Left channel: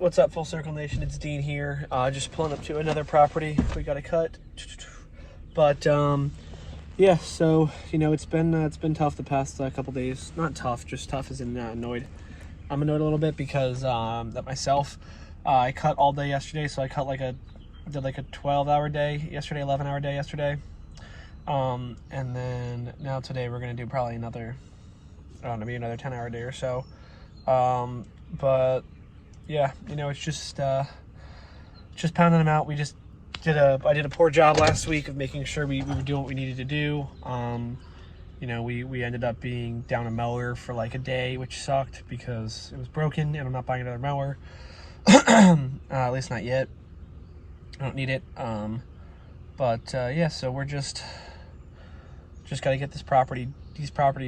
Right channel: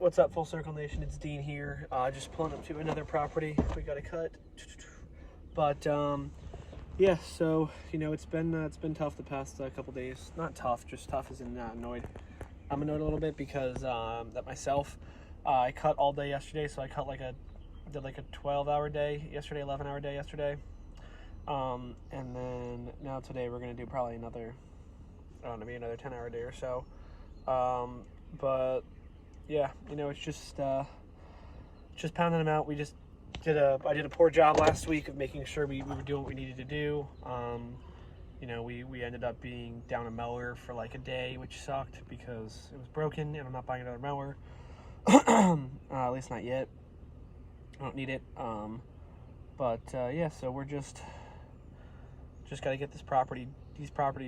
What's up, Full Circle Nation? It's Dean here. Just pulling up to another property we got to cut. But yeah, so it's been tough the past couple days. Not tough, just tough as in annoyed. I'm annoyed a little bit because that myself, I cut all day yesterday. So I cut did a 12-hour day yesterday, 11-hour day yesterday. And then now today we're gonna do probably another, I don't know, maybe another 10-hour day or so. But yeah, it's just pounding them out. I did a poor job last week of making sure we were doing what we needed to do. We ended up being down a mower for like a day, which sucked because it was broken and I'm not buying another mower. At least not yet. I don't need it. Yeah, so we're just got to get these properties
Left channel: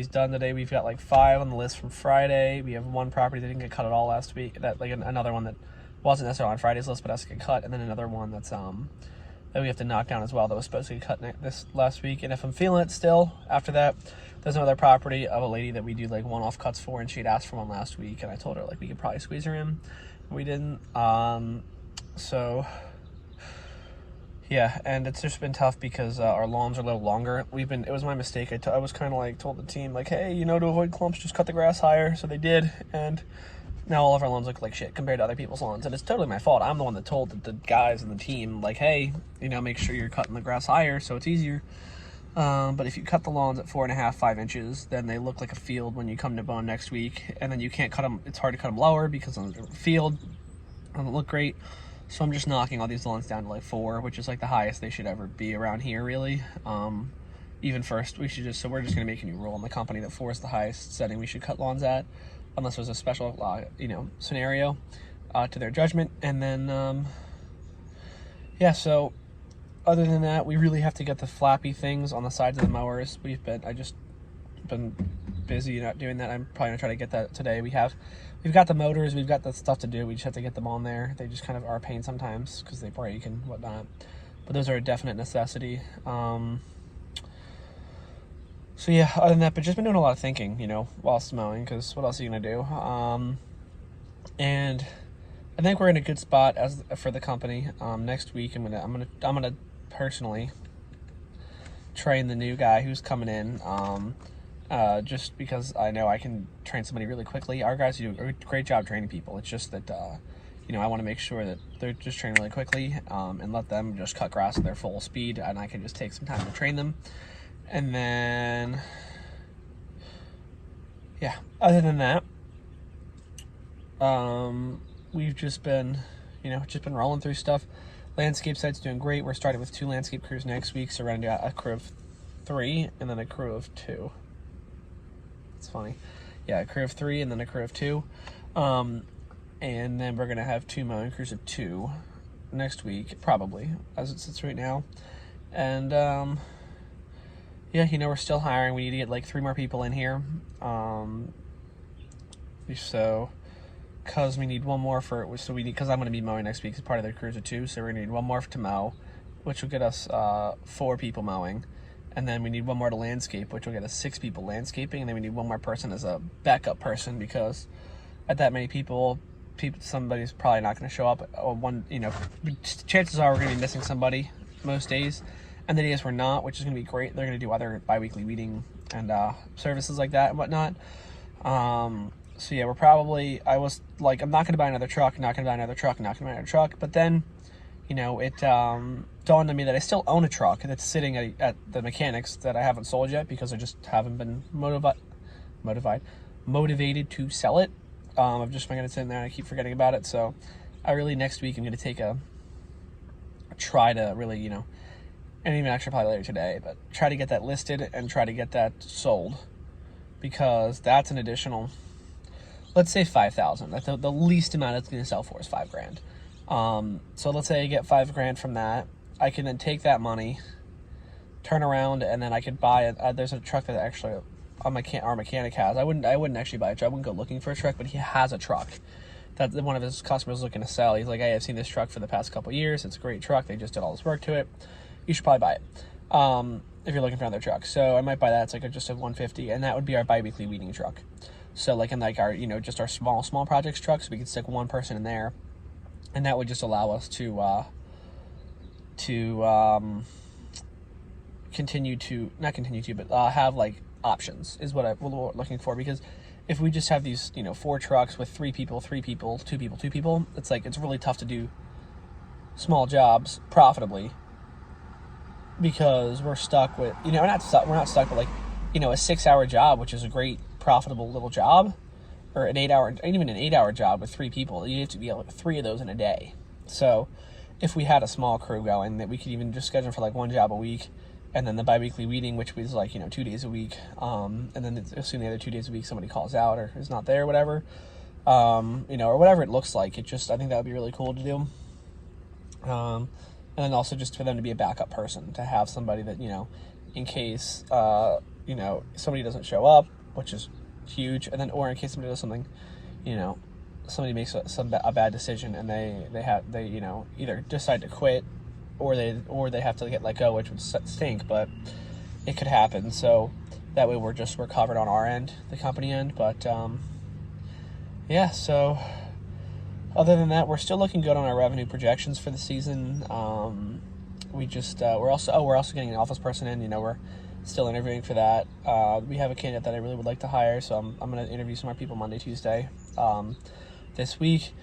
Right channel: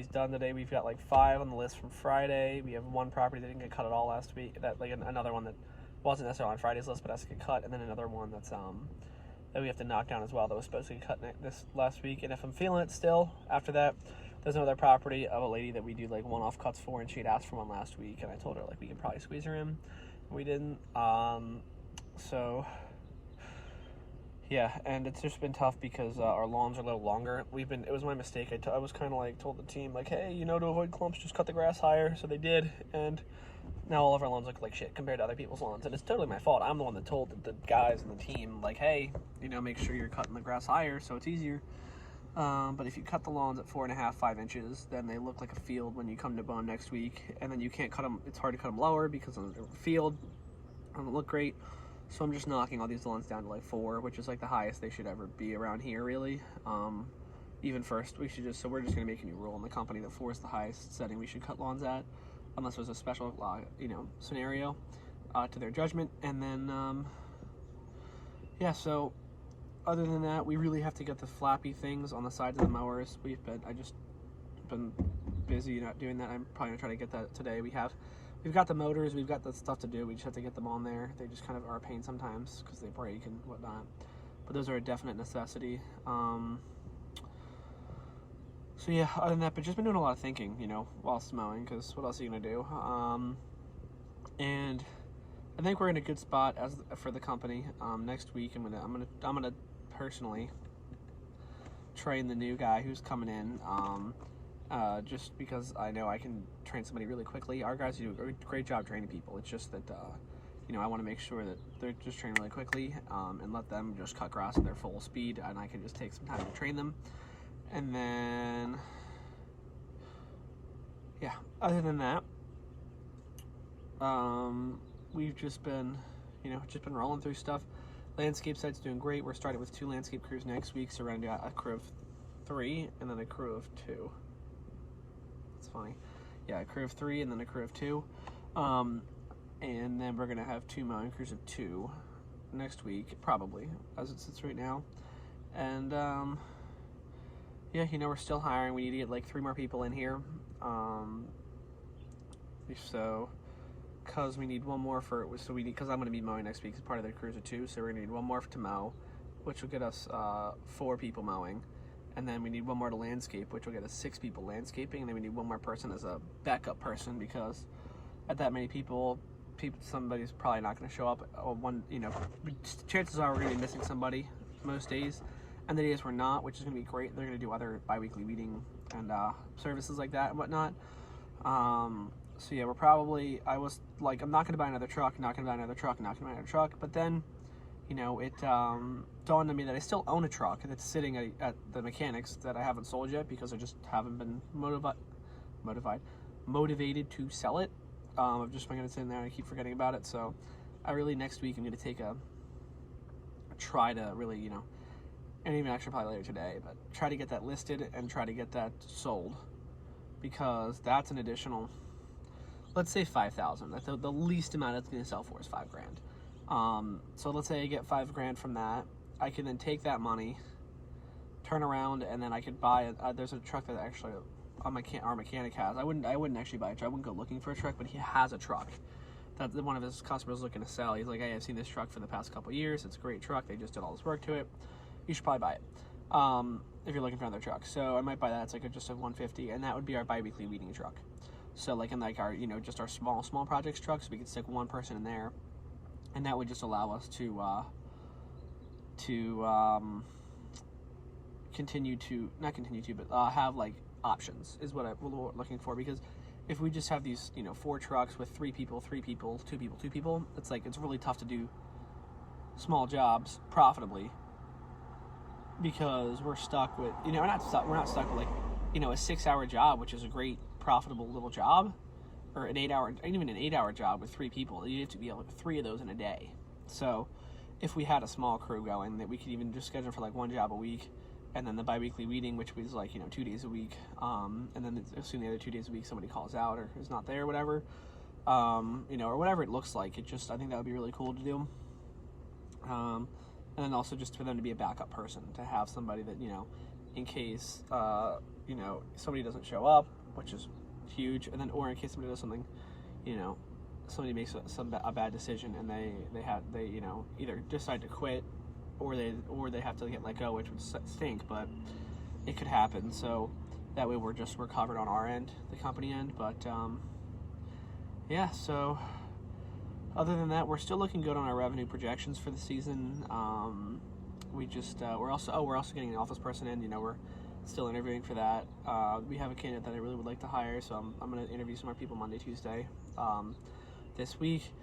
done today. We've got like 5 on the list from Friday. We have one property that didn't get cut at all last week. Another one that wasn't necessarily on Friday's list, but has to get cut, and then another one that's that we have to knock down as well that was supposed to get cut this last week. And if I'm feeling it still after that, there's another property of a lady that we do like one-off cuts for, and she'd asked for one last week, and I told her like we could probably squeeze her in. We didn't. So yeah, and it's just been tough because our lawns are a little longer. It was my mistake. I was kind of like told the team like, hey, to avoid clumps, just cut the grass higher. So they did, and now all of our lawns look like shit compared to other people's lawns, and it's totally my fault. I'm the one that told the guys and the team like, hey, make sure you're cutting the grass higher so it's easier. But if you cut the lawns at 4.5, 5 inches, then they look like a field when you come to bone next week, and then you can't cut them. It's hard to cut them lower because on the field it doesn't look great. So I'm just knocking all these lawns down to like 4, which is like the highest they should ever be around here, really. Even first, we're just gonna make a new rule in the company that 4 is the highest setting we should cut lawns at, unless there's a special, scenario to their judgment. And then, yeah. So other than that, we really have to get the flappy things on the sides of the mowers. I just been busy not doing that. I'm probably gonna try to get that today. We've got the motors, we've got the stuff to do. We just have to get them on there. They just kind of are a pain sometimes because they break and whatnot. But those are a definite necessity. So yeah, other than that, but just been doing a lot of thinking, whilst mowing, because what else are you gonna do? And I think we're in a good spot for the company. Next week, I'm gonna personally train the new guy who's coming in. Just because I know I can train somebody really quickly. Our guys do a great job training people. It's just that, I want to make sure that they're just trained really quickly, and let them just cut grass at their full speed, and I can just take some time to train them. And then, yeah, other than that, we've just been, rolling through stuff. Landscape site's doing great. We're starting with 2 landscape crews next week, so we're going to do a crew of 3 and then a crew of 2. It's funny. Yeah, a crew of 3 and then a crew of 2. And then we're going to have 2 mowing crews of 2 next week, probably, as it sits right now. And, yeah, we're still hiring. We need to get like 3 more people in here. So, because we need one more because I'm going to be mowing next week as part of the crews of 2. So we're going to need one more to mow, which will get us 4 people mowing. And then we need one more to landscape, which will get us 6 people landscaping. And then we need one more person as a backup person, because at that many people, somebody's probably not going to show up. Chances are we're going to be missing somebody most days. And the days we're not, which is going to be great, they're going to do other bi-weekly weeding and services like that and whatnot. So yeah, I was like, I'm not going to buy another truck, But then, it dawned on me that I still own a truck that's sitting at the mechanics that I haven't sold yet because I just haven't been motivated to sell it. I'm just going to sit in there and I keep forgetting about it. So next week I'm going to take try to really, and even actually probably later today, but try to get that listed and try to get that sold, because that's an additional, let's say $5,000. That's the least amount it's going to sell for is $5,000. So let's say I get $5,000 from that. I can then take that money, turn around, and then I could buy it. There's a truck that actually our mechanic has. I wouldn't actually buy a truck. I wouldn't go looking for a truck, but he has a truck that one of his customers is looking to sell. He's like, hey, I've seen this truck for the past couple of years. It's a great truck. They just did all this work to it. You should probably buy it if you're looking for another truck. So I might buy that. It's like just a $150, and that would be our bi-weekly weeding truck. So like in like our, just our small projects trucks, we could stick one person in there and that would just allow us to have like options is what we're looking for. Because if we just have these 4 trucks with 3 people, 2 people, 2 people, it's like it's really tough to do small jobs profitably, because we're stuck with we're not stuck with like a 6-hour job, which is a great profitable little job, or an 8-hour job with 3 people. You have to be able 3 of those in a day. So if we had a small crew going, that we could even just schedule for like 1 job a week, and then the bi-weekly meeting, which was like 2 days a week, and then assume the other 2 days a week somebody calls out or is not there, whatever, or whatever it looks like. I think that would be really cool to do. And then also just for them to be a backup person, to have somebody that in case somebody doesn't show up, which is huge, and then or in case somebody does something, somebody makes a bad decision, and they either decide to quit, or they have to get let go, which would stink, but it could happen. So that way we're covered on our end, the company end. But yeah, so other than that, we're still looking good on our revenue projections for the season. We're also getting an office person in. We're still interviewing for that. We have a candidate that I really would like to hire, so I'm going to interview some more people Monday, Tuesday this week,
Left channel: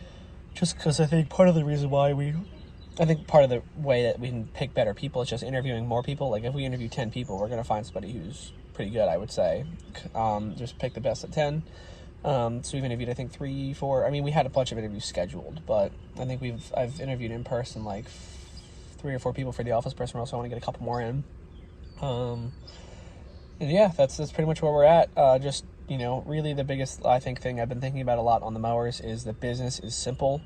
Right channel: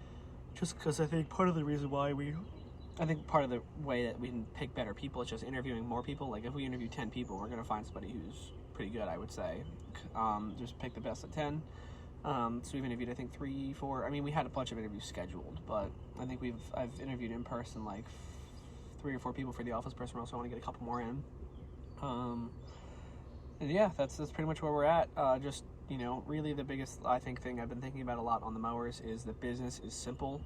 just because I think part of the way that we can pick better people is just interviewing more people. Like if we interview 10 people, we're going to find somebody who's pretty good, I would say. Just pick the best of 10. So we've interviewed, I think, 3, 4. I mean, we had a bunch of interviews scheduled, but I think I've interviewed in person like 3 or 4 people for the office person. Also, I want to get a couple more in. And yeah, that's pretty much where we're at. Really the biggest, I think, thing I've been thinking about a lot on the mowers is that business is simple.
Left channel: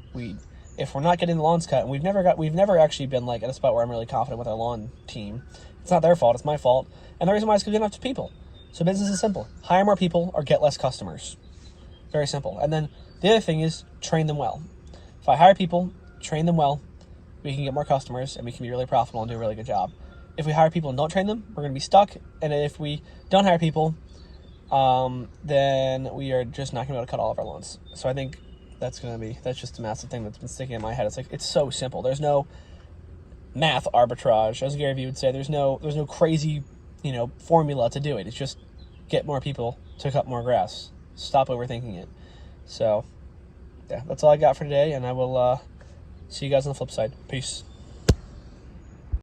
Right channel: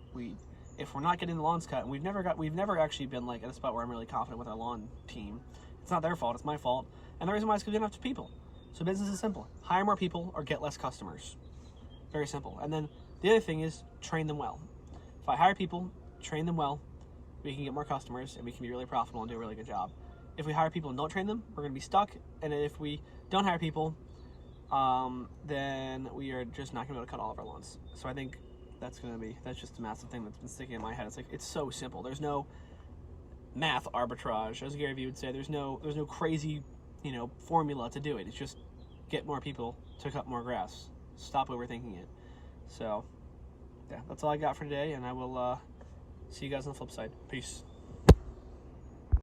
If we're not getting the lawns cut, and we've never actually been like at a spot where I'm really confident with our lawn team. It's not their fault, it's my fault. And the reason why is because we don't have people. So business is simple. Hire more people or get less customers. Very simple. And then the other thing is train them well. If I hire people, train them well, we can get more customers and we can be really profitable and do a really good job. If we hire people and don't train them, we're going to be stuck. And if we don't hire people, then we are just not going to be able to cut all of our lawns. So I think that's just a massive thing that's been sticking in my head. It's like, it's so simple. There's no math arbitrage, as Gary Vee would say. There's no crazy, formula to do it. It's just get more people to cut more grass. Stop overthinking it. So, yeah, that's all I got for today, and I will see you guys on the flip side. Peace.